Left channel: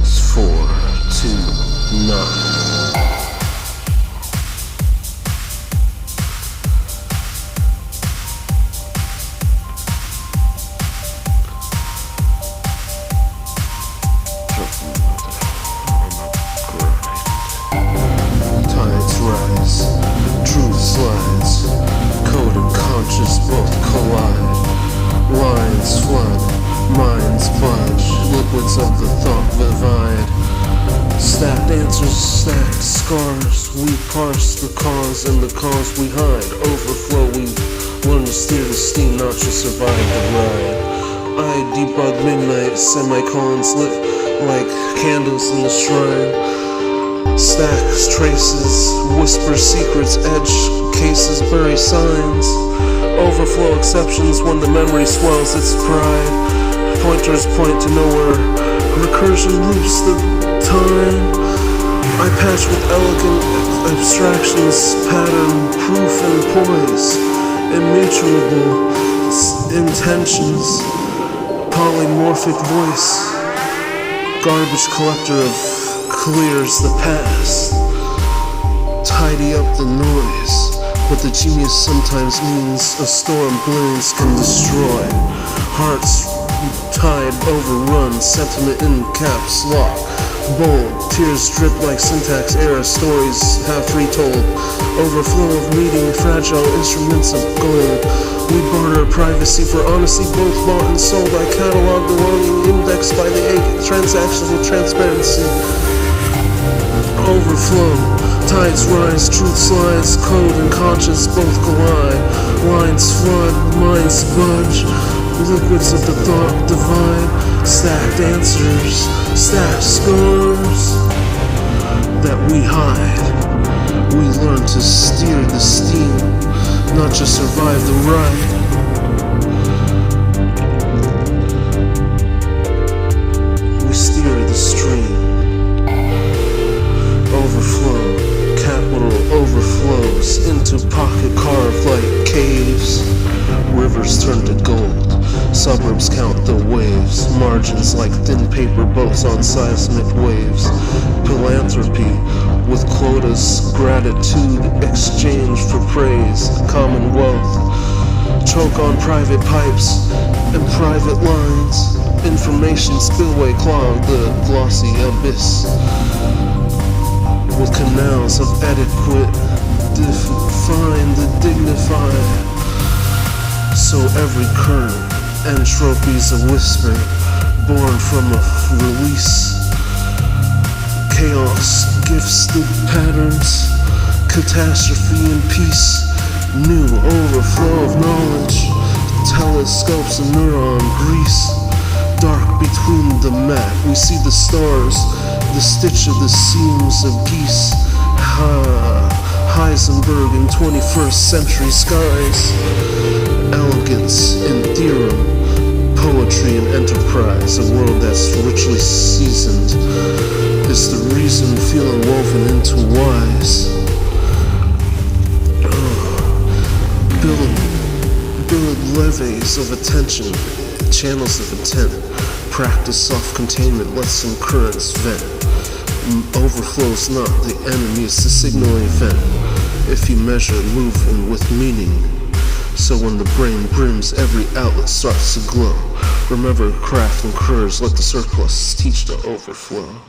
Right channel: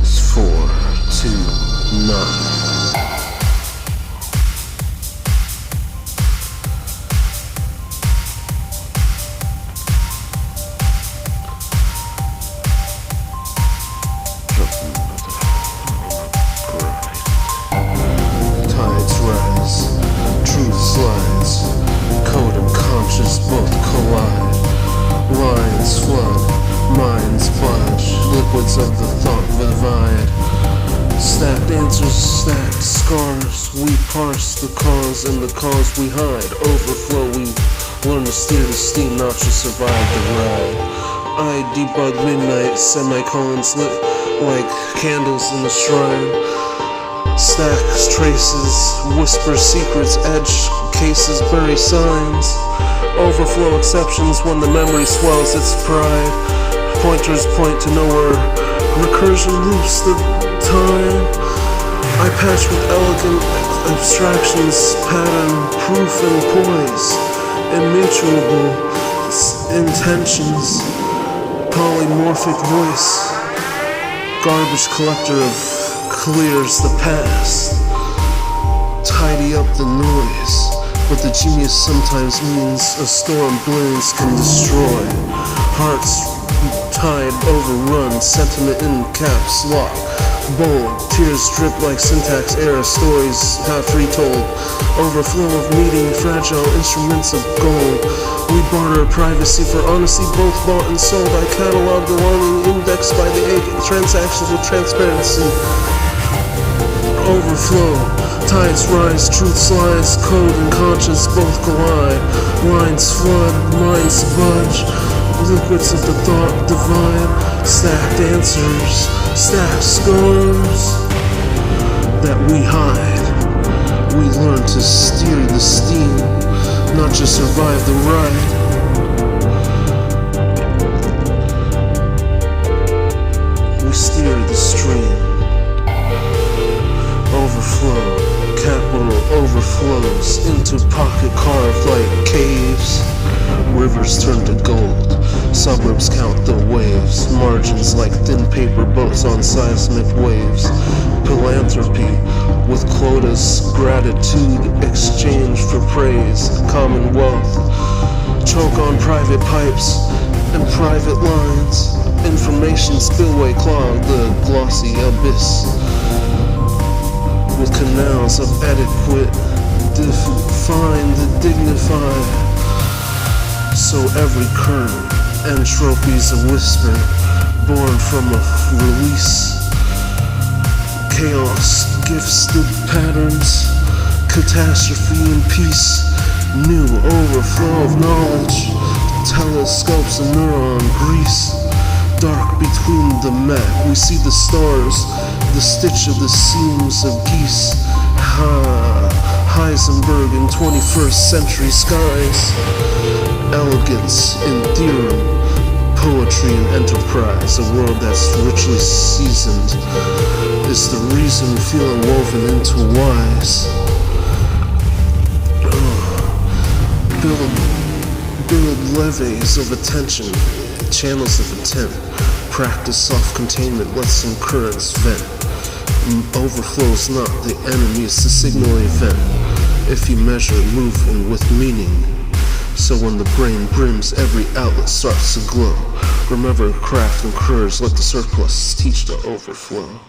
It's 4, 2, 9. Tides rise, truth slides, code and conscience both collide. Lines flood, minds budge, liquids of the thought divide. Stacked answers, stacked scars, we parse the cause and the cause we hide. Overflow, we learn to steer the steam, not just survive the ride. I debug midnight, semicolons lit like candles in the shrine. Stacks traces, whisper secrets, edge cases, bury signs. Overflow exceptions when the memory swells its pride. Pointers point to nowhere, recursion loops the time. I patch with elegant abstractions, pattern, proof and poise. Immutable intentions, polymorphic voice. Garbage collector of clears the past. Tidy up the noise. But the genius sometimes means a storm blaze can destroy. Hearts tide overrun, sentiment in caps lock. Bold, tears drip like syntax era, stories half retold. Overflow of meeting, fragile instruments of gold. We barter privacy for honesty, both bought and sold. I catalog the longing indexed by the transactions with transparency. Overflow, tides rise, truth slides, code and conscience both collide. Lines flood, minds budge, liquids of the thought divide. Stacked answers, stacked scars that we hide. We learn to steer the steam, not just survive the ride. We steer the stream. Overflow, capital overflows into pocket carved like caves. Rivers turn to gold, suburbs count the waves. Margins like thin paper boats on seismic waves. Philanthropy with quotas, gratitude exchange for praise. Commonwealth, choke on private pipes and private lines. Information spillway clog the glossy abyss. With canals of adequate, define the dignified. So every current, entropy's a whisper, born from a release. Chaos, gifted patterns, catastrophe and peace. New overflow of knowledge, telescopes and neuron grease. Dark between the map, we see the stars, the stitch of the seams of geese. Heisenberg in 21st century skies. Elegance in theorem, poetry and enterprise. A world that's richly seasoned is the reason feeling woven into wise. Build levees of attention, channels of intent. Practice self-containment, let some currents vent. Overflow's not the enemy, it's the signal event. If you measure moving with meaning, so when the brain brims, every outlet starts to glow. Remember craft and courage, let the surplus teach the overflow.